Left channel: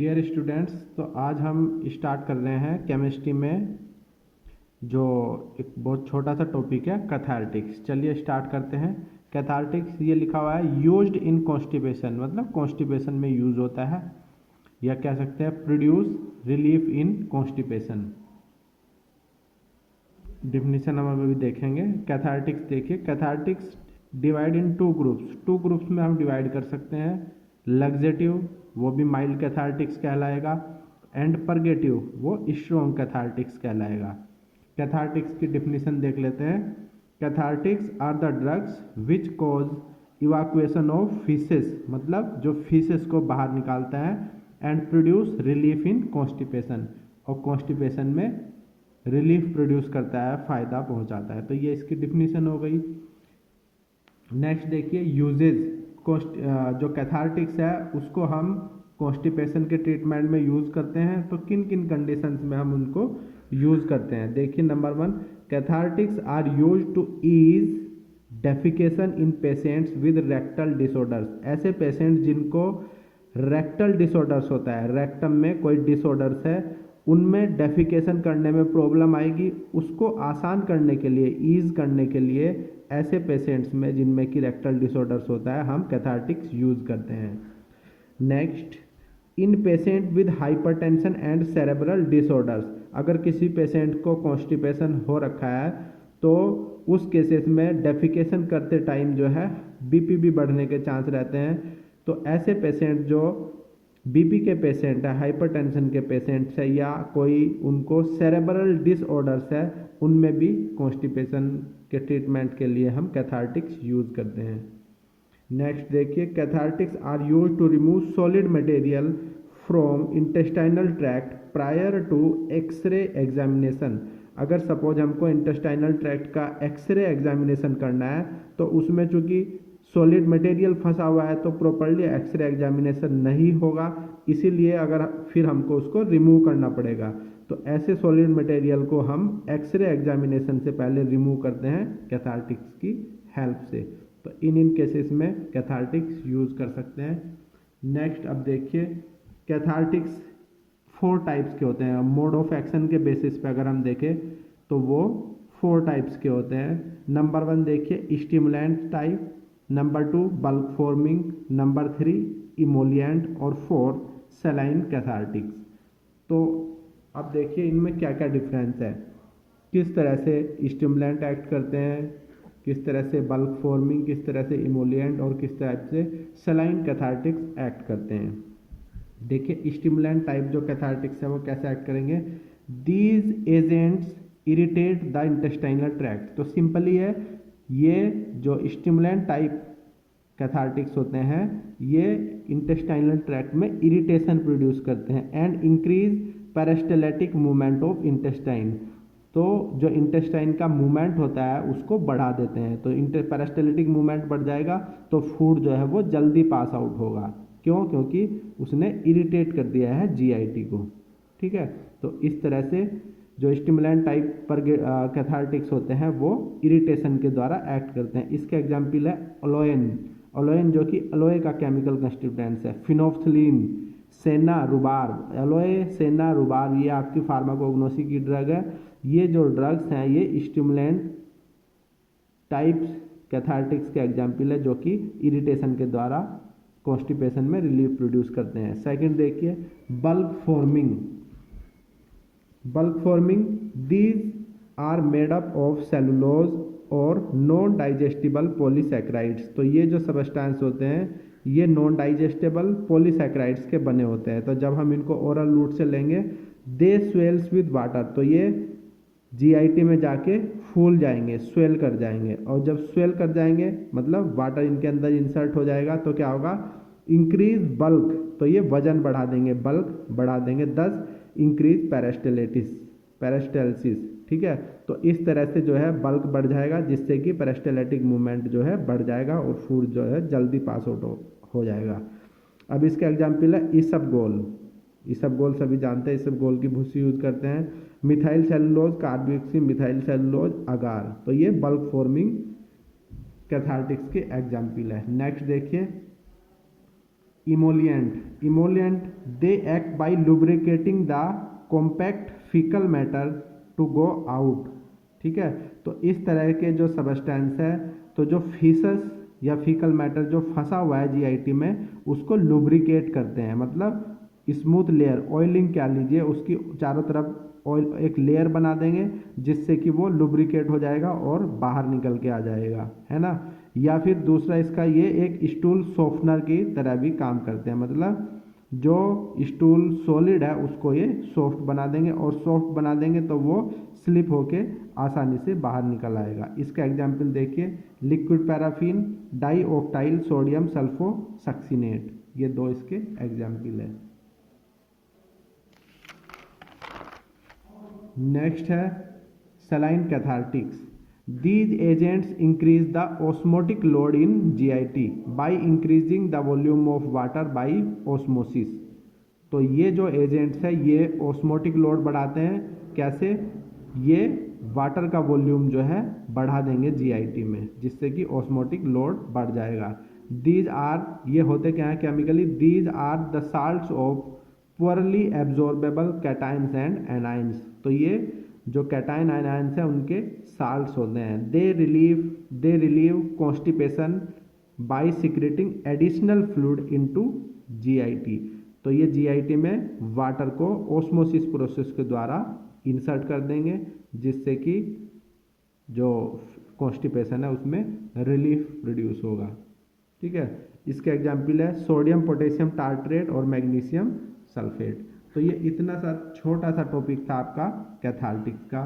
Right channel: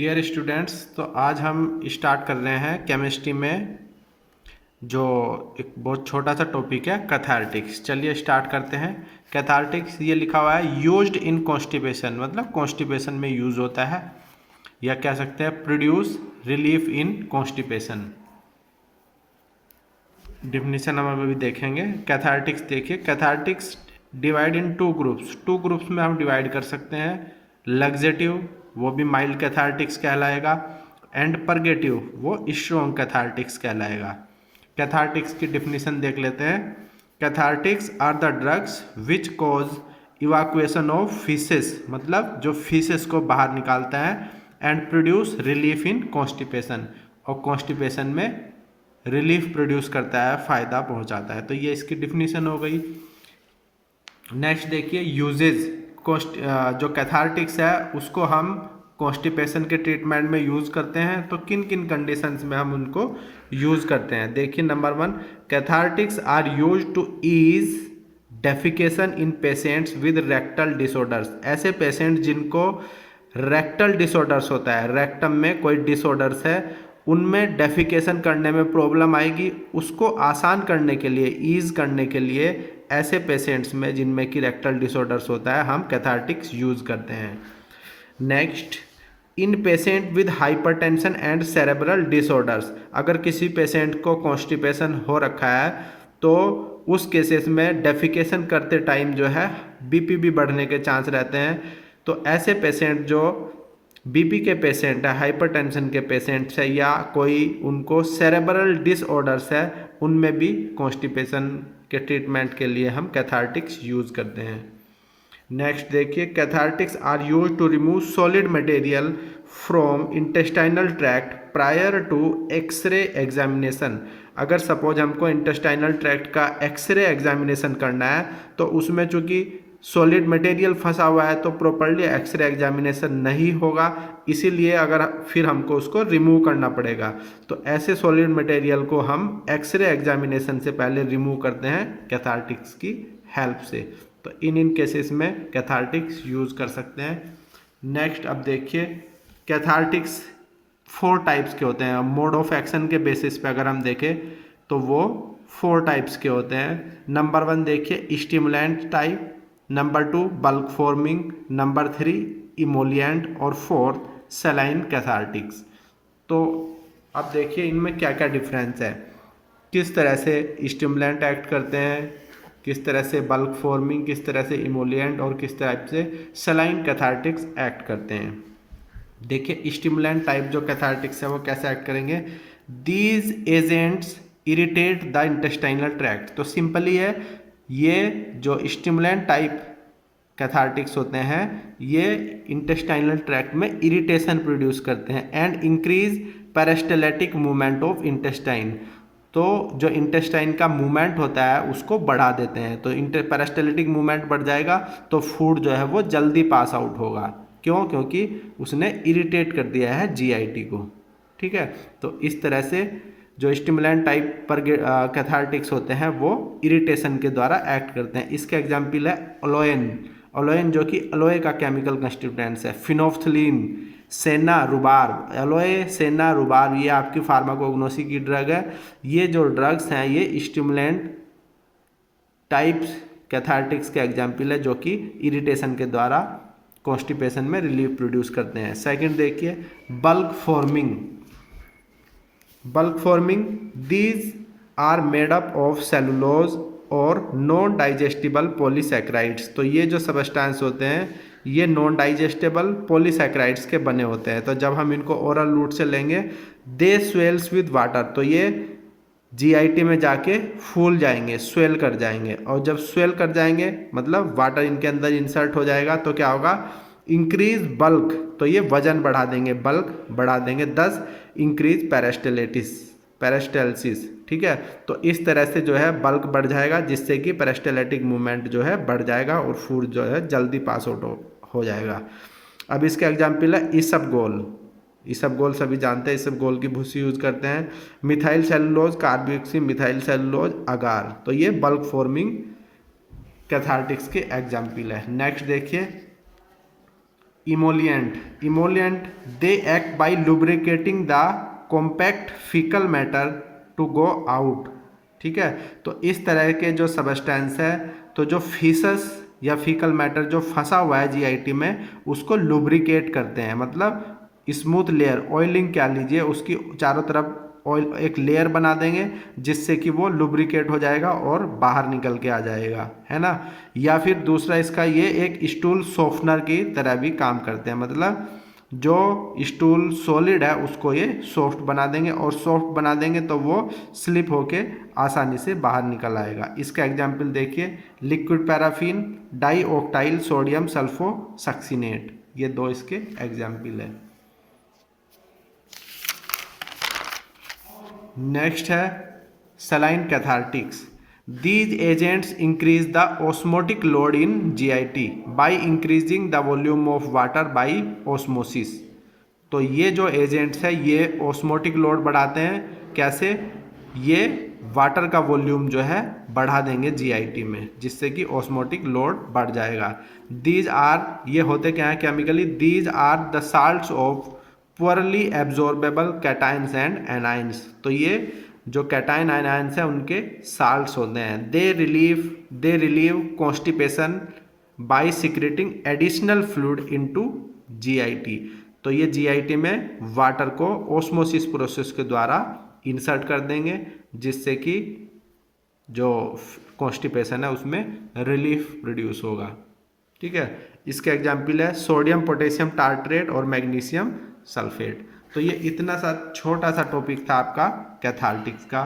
Dear students, तो आज हम स्टार्ट कर रहे हैं केमिस्ट्री में जो एक बहुत छोटा सा टॉपिक है कैथार्टिक्स। चलिए स्टार्ट करते हैं। कैथार्टिक्स ये लिखा हुआ है यूज्ड इन कॉन्स्टिपेशन, मतलब कॉन्स्टिपेशन में यूज होता है, या कह सकते हैं produce relief in constipation. Definition हम अभी देखेंगे। कैथार्टिक्स देखिए, cathartics divide in two groups में हम डिवाइड कर सकते हैं। लग्जेटिव वो भी माइल्ड कैथार्टिक्स कहलाएगा, एंड परगेटिव वो स्ट्रॉन्ग कैथार्टिक्स कहलाएगा। कैथार्टिक्स की डिफिनीशन देख लेते हैं। Cathartics are the drugs which cause evacuation of faeces, मतलब जो फीसेस को बाहर निकालता है, and produce relief in constipation, और कॉन्स्टिपेशन में रिलीफ प्रोड्यूस करता है, फायदा पहुंचाता है। तो ये इसकी डिफिनीशन हो गई। नेक्स्ट देखिए यूजेज। जो कैथार्टिक्स है उसको हम कॉन्स्टिपेशन के ट्रीटमेंट में यूज़ करते हैं, तो किन किन कंडीशंस में हम उनको यूज़ करते हैं। देखिए number 1, cathartics are use to ease defecation in patients with rectal disorders. ऐसे पेशेंट जिनको रेक्टल डिसऑर्डर्स होता है, रेक्टम में कोई डिसऑर्डर्स है, उनमें डेफिकेशन करने में प्रॉब्लम आएगी, उसको आसान करने के लिए, ईज करने के लिए ऐसे पेशेंट्स में जिनमें कि रेक्टल डिसऑर्डर्स होता है हम कैथार्टिक्स यूज़ करते हैं। Next, in patient with hypertension and cerebral disorders. अगर किसी पेशेंट को कॉन्स्टिपेशन हो रखा है तो उस केसेस में डेफिकेशन करते टाइम जो है बीपी भी बढ़ने के चांस रहते हैं। तो ऐसे पेशेंट जो बीपी के पेशेंट है, हाइपरटेंशन के पेशेंट्स है, या कोई उनको सेरेब्रल डिसऑर्डर्स है, उनमें भी कॉन्स्टिपेशन के ट्रीटमेंट के लिए हम कैथार्टिक्स यूज़ करते हैं। नेक्स्ट देखिए, cathartics are use to remove solid material from intestinal tract prior to X-ray examination. अगर सपोज हमको इंटेस्टाइनल ट्रैक्ट का एक्सरे एग्जामिनेशन करना है तो उसमें चूंकि सॉलिड मटेरियल फंसा हुआ है तो प्रॉपर्ली एक्सरे एग्जामिनेशन नहीं होगा, इसीलिए अगर फिर हमको उसको रिमूव करना पड़ेगा। तो ऐसे सॉलिड मटेरियल को हम एक्सरे एग्जामिनेशन से पहले रिमूव करते हैं कैथार्टिक्स की हेल्प से। तो इन केसेस में कैथार्टिक्स यूज़ कर सकते हैं। नेक्स्ट अब देखिए, कैथार्टिक्स 4 टाइप्स के होते हैं। मोड ऑफ एक्शन के बेसिस पे अगर हम देखें तो वो 4 टाइप्स के होते हैं। नंबर 1 देखिए stimulant type, number 2 bulk forming, number 3 emollient, और 4 सलाइन कैथार्टिक्स। तो अब देखिए इनमें क्या क्या डिफरेंस है, किस तरह से स्टिमुलेंट एक्ट करते हैं, किस तरह से बल्क फॉर्मिंग, किस तरह से इमोलिएंट, और किस तरह से सलाइन कैथार्टिक्स एक्ट करते हैं। देखिए स्टिमुलेंट टाइप जो कैथार्टिक्स है वो कैसे एक्ट करेंगे। These agents irritate the intestinal tract. तो सिंपली है, ये जो स्टिमुलेंट टाइप कैथार्टिक्स होते हैं ये इंटेस्टाइनल ट्रैक्ट में इरिटेशन प्रोड्यूस करते हैं, and increase peristaltic movement of intestine. तो जो इंटेस्टाइन का मूवमेंट होता है उसको बढ़ा देते हैं। तो पेरिस्टाल्टिक मूवमेंट बढ़ जाएगा तो फूड जो है वो जल्दी पास आउट होगा। क्यों? क्योंकि उसने इरिटेट कर दिया है जीआईटी को। ठीक है, तो इस तरह से जो स्टिमुलेंट टाइप पर कैथार्टिक्स होते हैं वो इरिटेशन के द्वारा एक्ट करते हैं। इसका एग्जाम्पल है अलोएन। अलोएन जो कि अलोए का केमिकल कंस्टिट्यूएंट्स है, फिनोफ्थलीन, सेना रुबार। एलोए, सेना, रुबार ये आपकी फार्माकोग्नोसी की ड्रग है। ये जो ड्रग्स हैं ये स्टिमुलेंट टाइप्स कैथार्टिक्स के एग्जाम्पल है जो कि इरिटेशन के द्वारा कॉन्स्टिपेशन में रिलीफ प्रोड्यूस करते हैं। सेकंड देखिए bulk forming. Bulk forming, these are made up of cellulose और नॉन डाइजेस्टिबल पॉलीसैकेराइड्स। तो ये जो सब्सटेंस होते हैं ये नॉन डाइजेस्टेबल पॉलीसैकेराइड्स के बने होते हैं। तो जब हम इनको ओरल रूट से लेंगे, दे स्वेल्स विद वाटर। तो ये जीआईटी में जाके फूल जाएंगे, स्वेल कर जाएंगे, और जब स्वेल कर जाएंगे मतलब वाटर इनके अंदर इंसर्ट हो जाएगा तो क्या होगा, इंक्रीज बल्क। तो ये वजन बढ़ा देंगे, बल्क बढ़ा देंगे, 10 इंक्रीज पेरिस्टाल्सिस। ठीक है, तो इस तरह से जो है बल्क बढ़ जाएगा जिससे कि पेरिस्टाल्टिक मूवमेंट जो है बढ़ जाएगा और फूड जो है जल्दी पास आउट हो जाएगा। अब इसका एग्जाम्पल है इसबगोल। इसबगोल सभी जानते हैं, इसबगोल की भूसी यूज करते हैं। Methyl cellulose, carboxy methyl cellulose, agar. तो ये बल्क फॉर्मिंग कैथार्टिक्स के एग्जाम्पल है। नेक्स्ट देखिए emollient they act by lubricating the compact faecal matter to go out. ठीक है, तो इस तरह के जो सबस्टेंस है, तो जो फीसस या फीकल मैटर जो फंसा हुआ है जीआईटी में, उसको लुब्रिकेट करते हैं, मतलब स्मूथ लेयर, ऑयलिंग क्या लीजिए, उसकी चारों तरफ ऑयल एक लेयर बना देंगे जिससे कि वो लुब्रिकेट हो जाएगा और बाहर निकल के आ जाएगा, है ना। या फिर दूसरा इसका ये एक स्टूल सॉफ्टनर की तरह भी काम करते हैं, मतलब जो स्टूल सॉलिड है उसको ये सॉफ्ट बना देंगे, और सॉफ्ट बना देंगे तो वो स्लिप होके आसानी से बाहर निकल आएगा। इसका एग्जाम्पल देखिए, liquid paraffin, dioctyl sodium sulfosuccinate, ये दो इसके एग्जाम्पल है। नेक्स्ट है saline cathartics. These agents increase the osmotic load in GIT by increasing the volume of water by osmosis। तो ये जो एजेंट्स है ये ऑस्मोटिक लोड बढ़ाते हैं, कैसे, ये वाटर का वॉल्यूम जो है बढ़ा देंगे जीआईटी में, जिससे कि ऑस्मोटिक लोड बढ़ जाएगा। दीज आर, ये होते क्या है chemically, these are the salts of poorly absorbable cations and anions. तो ये जो कैटाइन आयनाइंस हैं उनके साल्ट्स होते हैं। They relieve constipation by secreting additional fluid into GIT. तो ये जीआईटी में वाटर को ऑस्मोसिस प्रोसेस के द्वारा इंसर्ट कर देंगे, जिससे कि जो कॉन्स्टिपेशन है उसमें रिलीफ प्रोड्यूस होगा। ठीक है, इसके एग्जाम्पल है सोडियम पोटेशियम टार्ट्रेट और मैग्नीशियम सल्फेट। तो ये इतना सा छोटा सा टॉपिक था आपका कैथार्टिक्स का।